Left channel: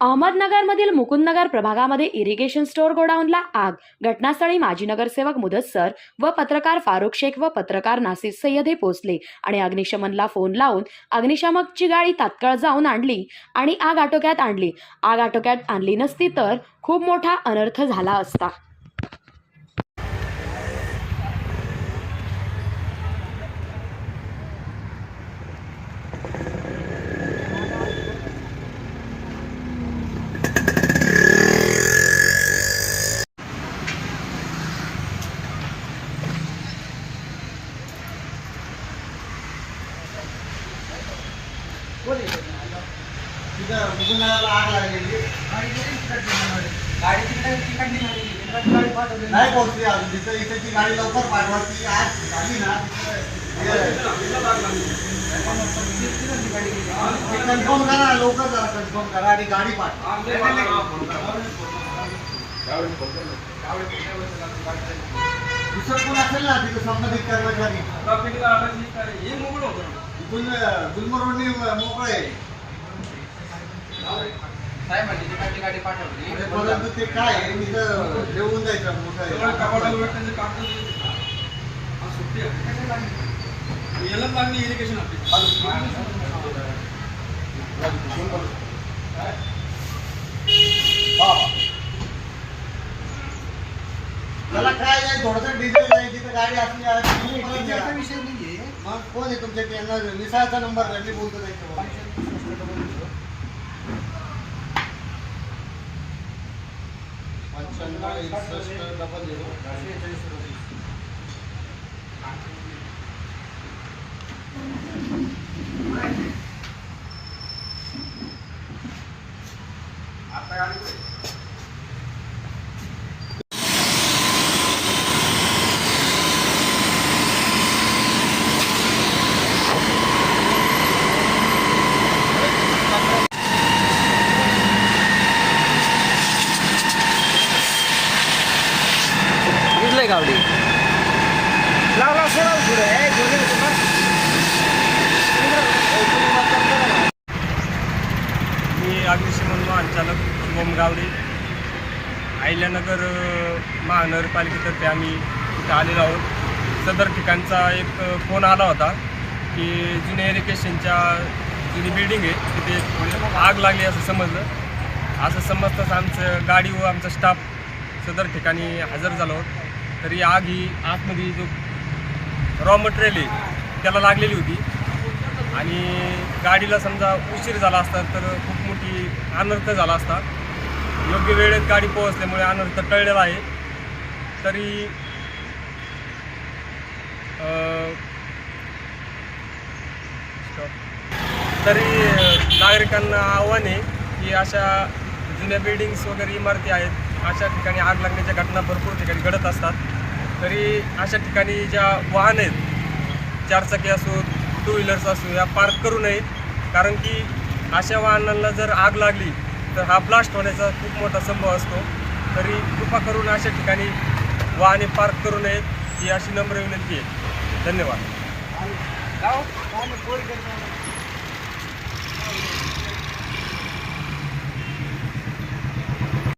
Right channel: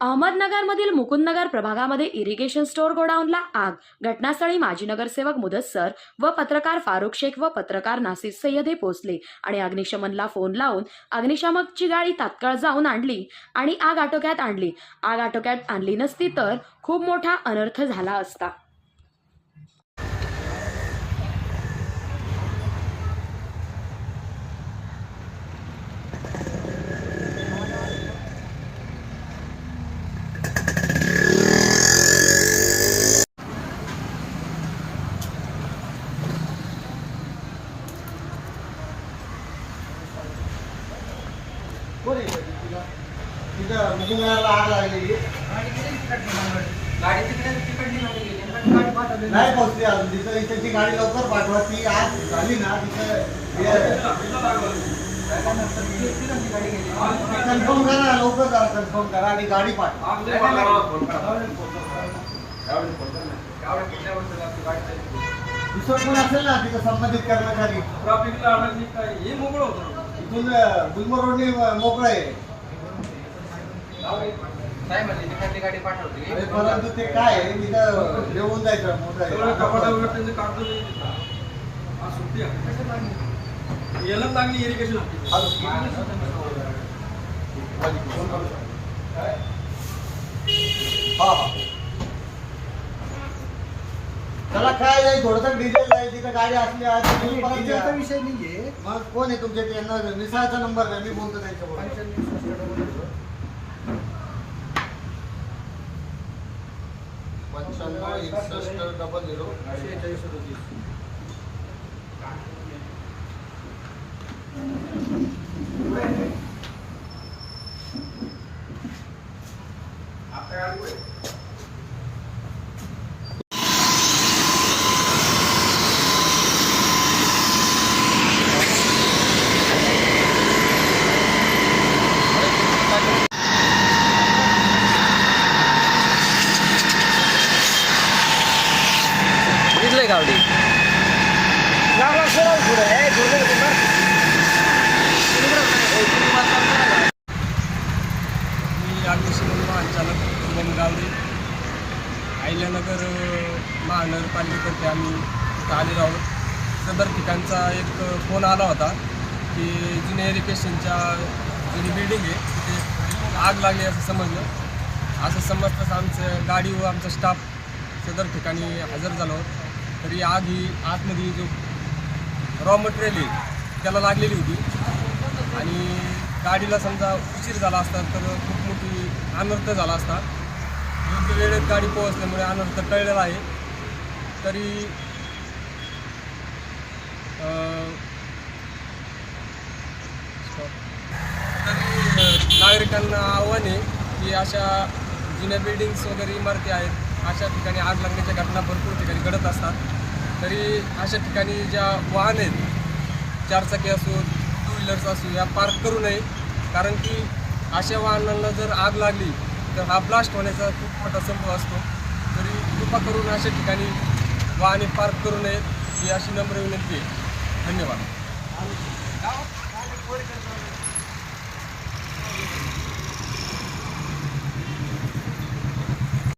अहमदनगरमधील मुकुंदनगर प्रभागामध्ये irrigation store गोडाऊनला आग. घटनास्थळी माजी नगरसेवक मुदस्सर व पत्रकार फारुख शेख व पत्रकार नासिर सय्यद हे पोहोचले आणि अग्निशमनला फोन लावून अग्निशामकची गाडी तात्काळ जाऊन आणली आणि आग आटोक्यात आणली. आग आटोक्यात आणली नसती तर खूप मोठा अनर्थ झाला असता. तिथं मुकुंदनगरला आग लागलेली. गाडी तिकडे तिकडली नव्हती नाही पोहोचली अजून. तिथं इथं गाडी लवकर पाठवा ती आज झाली ना तिथं कन्फर्म करा लवकर जरा कन्फर्म करा आणि गाडी पाठवा. दुसरं कोण असेल ना तिथं संबंधित कर्मचारी? हे मोकळं होतं. इथून गुलमर्ग रोडने मोकळं आहे. काय म्हणजे तिकडली गाडी पाठवली अरे परंतु ते काय आहे? जेवून जायचं मोठं आहे. कपाटावर त्यांचे कागद आज सुट्टी आहे. याला इरिगेशन हा. त्याला काय जाईल थोडंसं डिझेल जाईल तिथं गाडी असली द्या. विषय नाहीये. मग कोण आहे तुमच्या यांना निसाळचा नंबर द्या मी बोलतो त्यांच्याबरोबर. पंच्याण्णव एकसष्ट डबल झिरो दिसलंय गावडी. मी अग्निशमन महाचालक शुभम गावडे. अहिल्यानगर महानगरपालिकेतर्फे आम्ही इथं आलेलो आहोत. सदर ठिकाणचा एक फोन आला होता की जुन्या एरिकेशनच्या जुनी बिल्डिंग आहे तिथे थोडी आग लागली असं समजलं. असं समजताच आमचं गाडी व आमचा स्टाफ सदर ठिकाणी हजर झालो आहोत तर ही आग ही आतमध्ये जो रॉ मटेरियल आहे त्याला लागलेली होती. आणि गाडीला समजा उशीर झाला असता तर खूप मोठी अनर्थ झाला असता. योग्य वेळेत गाडी पोहोचल्यामुळे अनर्थ टळलेला आहे. तरी तरी नागरिकांना आव्हान आहे की अशा जुन्या बिल्डिंग्स वगैरे इमारती आहेत अशा ठिकाणी आग लागण्याच्या घटना भरपूर ठिकाणी घडत असतात. तरी अशा ठिकाणी ज्या वाहन आहेत चारचाकी असो टू व्हीलर्स असो या पार्क करू नये. कारण की अशा वाहनांना जर आग लागली तर हा ब्लास्ट होण्याचा खूप मोठा संभव असतो. तरी कृपा करून अशा ठिकाणी वाहने पार्क करू नयेत ही अशी नम्र विनंती आहे. धन्यवाद.